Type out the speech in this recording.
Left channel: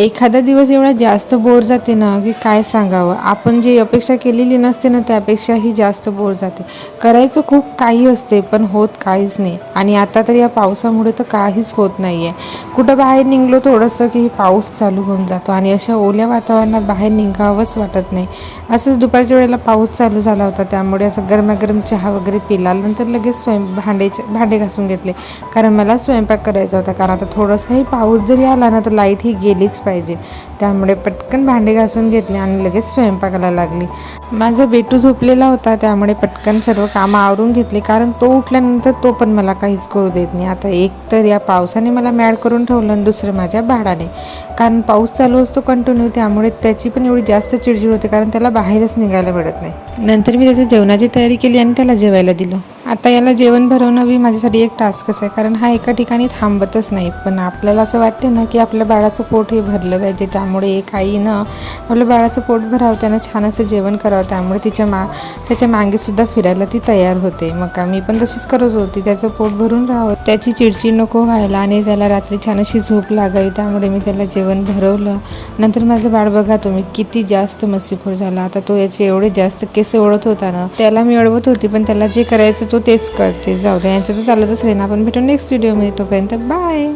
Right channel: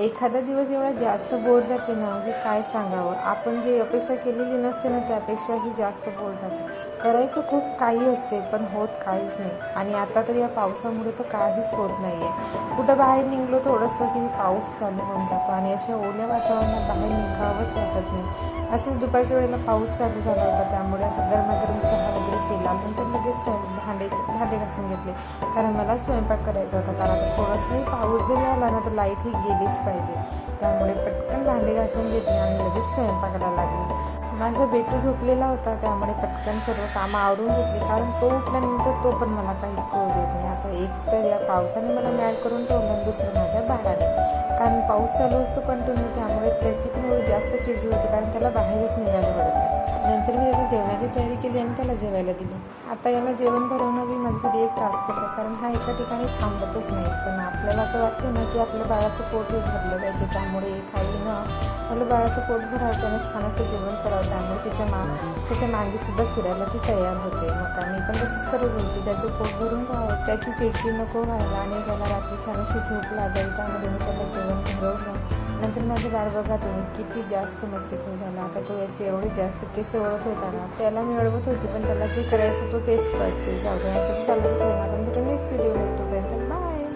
एखादा दिवस एवढा जास्त बोर जाते ना की काय सांगावं. आपण जी अपेक्षा केलेली नसते ना त्यापेक्षाही जास्त बोर जाते. करायचं खूप काही असते पण होत काहीच नाही. आणि आता तर या पावसामुळे तर काहीच होत नाही आहे. कुठं बाहेर निघलो थोडंसं की पाऊस चालू होऊन जातो आणि अशा ओल्या वातावरणात बाहेर निघावंच वाटत नाही. असंच दुपारच्या वेळेला पाऊस चालू झाला होता त्यामुळे असं गरमागरम चहा वगैरे पिला. नंतर लगेच भांडे घासून घेतले कारण मला स्वयंपाक करायचा होता. कारण आता थोडंसंही पाऊस जरी आला ना तर लाईट ही गेलीच पाहिजे. त्यामुळे पटकन भांडे घासून घेतले आणि लगेच स्वयंपाकाला लागली. माझा बेटू झोपलेला होता त्यामुळे पटकन सर्व कामं आवरून घेतली कारण तो उठल्यानंतर तो पण मला काहीच करू देत नाही. आता एक तर या पावसाने मला मॅड करून ठेवलं आणि दुसरं माझ्या बाळाने. कारण पाऊस चालू असतो कंटिन्यू त्यामुळे त्याची पण एवढी जास्त चिडचिड होते कारण त्याला बाहेरच निघायला मिळत नाही. नंतर मी त्याच्या जेवणाची तयारी केली आणि त्याला जेवायला दिलं. आता याला जेवण भरवणं बी माझ्यासाठी एक टास्कच आहे कारण हा एका ठिकाणी थांबतच नाही. पण आपल्याला असं वाटते ना की आपल्या बाळाचं पोट हे भरलं पाहिजे. त्यामुळे एक आईनं आपल्या बाळाचं पोट भरावं, त्यानं छान असं जेवण करावं. त्यामुळे त्याच्या मागेसुद्धा फिरायला ती तयार होते. मग मी पण तशीच करत होती. त्याचं पोट भरून राहावं, त्याची चिडचिड नको व्हायला आणि त्याला रात्री छान अशी झोप लागावी. त्यामुळे मी त्याला जेवण भरवलं. नंतर माझं बाळ बघा तुम्ही किती जास्त मस्तीखोर झाला. आता तो याचे एवढे जास्त केस ओढत होता ना, त्याला मी अडवत होती पण त्याला जे करायचं तो तेच करते. जाऊ द्या, यांचं तर चालतच राहील. आपण भेटू नेक्स्ट व्हिडिओमध्ये. तोपर्यंत बाय.